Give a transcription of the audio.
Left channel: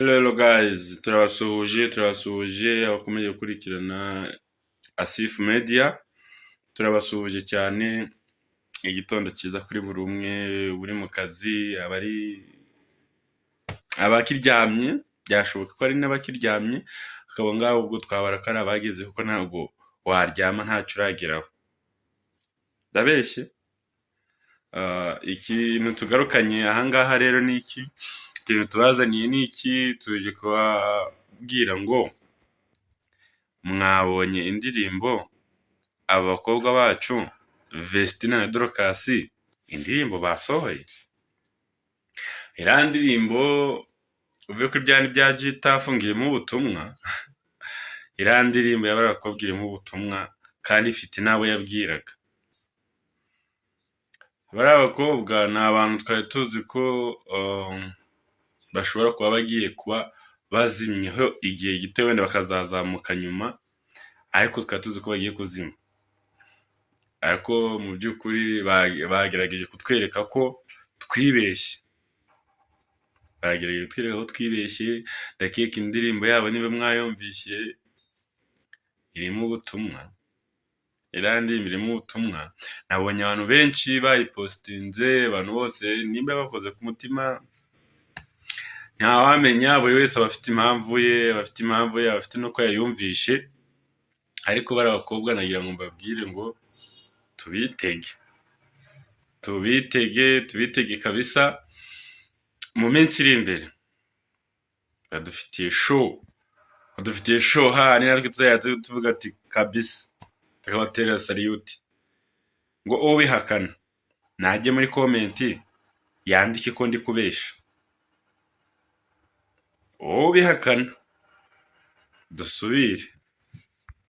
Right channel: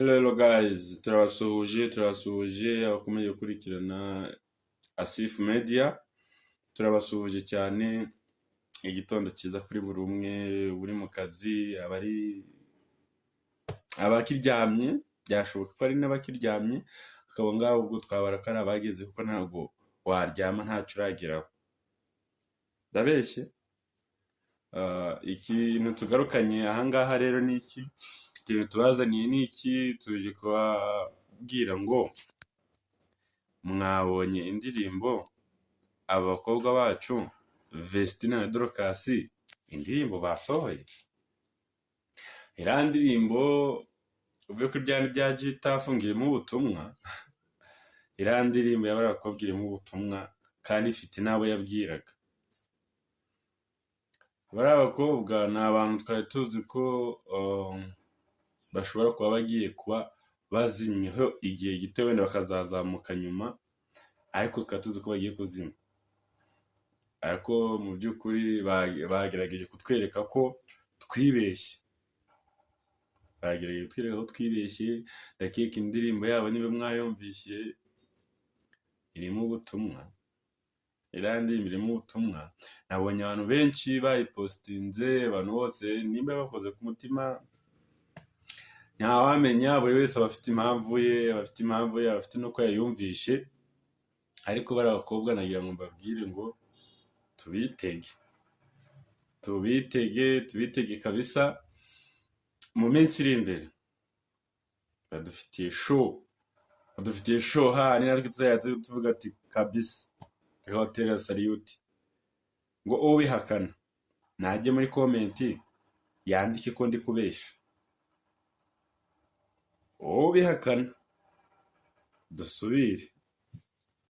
Hello guys, turabasuhuje abakomeje gukurikirana Asif Media, turabasuhuje cyane. Igitondo cyiza kuri buri umwe uri mu kazi, abakiryamye, byashoboka ko ari n'abakiryamye, akaba ngaho ubwo twabara ko ari abageze, kuko ntabwo waryama ntacyo urageraho. Ndabeshye. Ikintu tugarukanye ahangaha rero ni iki? Ikintu tubazaniye ni iki? Tuje kubabwira ngo mwabonye indirimbo abakobwa bacu Vestine na DORCAS indirimbo basohoye. Iriya ndirimbo uvuye kuri bya bya jita afungiyemo ubutumwa, iriya ndirimbo y'abakobwa irimo ubutumwa kandi ifite n'abo yabwiraga. Bari abakobwa ni abantu twari tuzi ko bashobora kuba bagiye kuba bazimyeho igihe gito, wenda bakazazamuka nyuma, ariko twari tuzi ko bagiye kuzima. Ariko mu by'ukuri bagerageje kutwereka ko twibeshye. Bagerageje kutwereka ko twibeshye. Ndakeka indirimbo yabo niba mwayumvise irimo ubutumwa. Iriya ndirimbo irimo ubutumwa. Nabonye abantu benshi bayipostinze, abantu bose nimba bakoze ku mutima ntawamenya, buri wese aba afite impamvu ye, afite nuko yayumvishe. Ariko bari abakobwa nagira ngo mbabwire ngo tubitege kabisa. Mu minsi iri imbere badufitiye show ni natwe tuzajya tuvuga ati kabisa, tukabaterera saliyuti. Ngo ubihakana najye muri komenti yandike ko ndi kubesha. Ubihakana dusubire.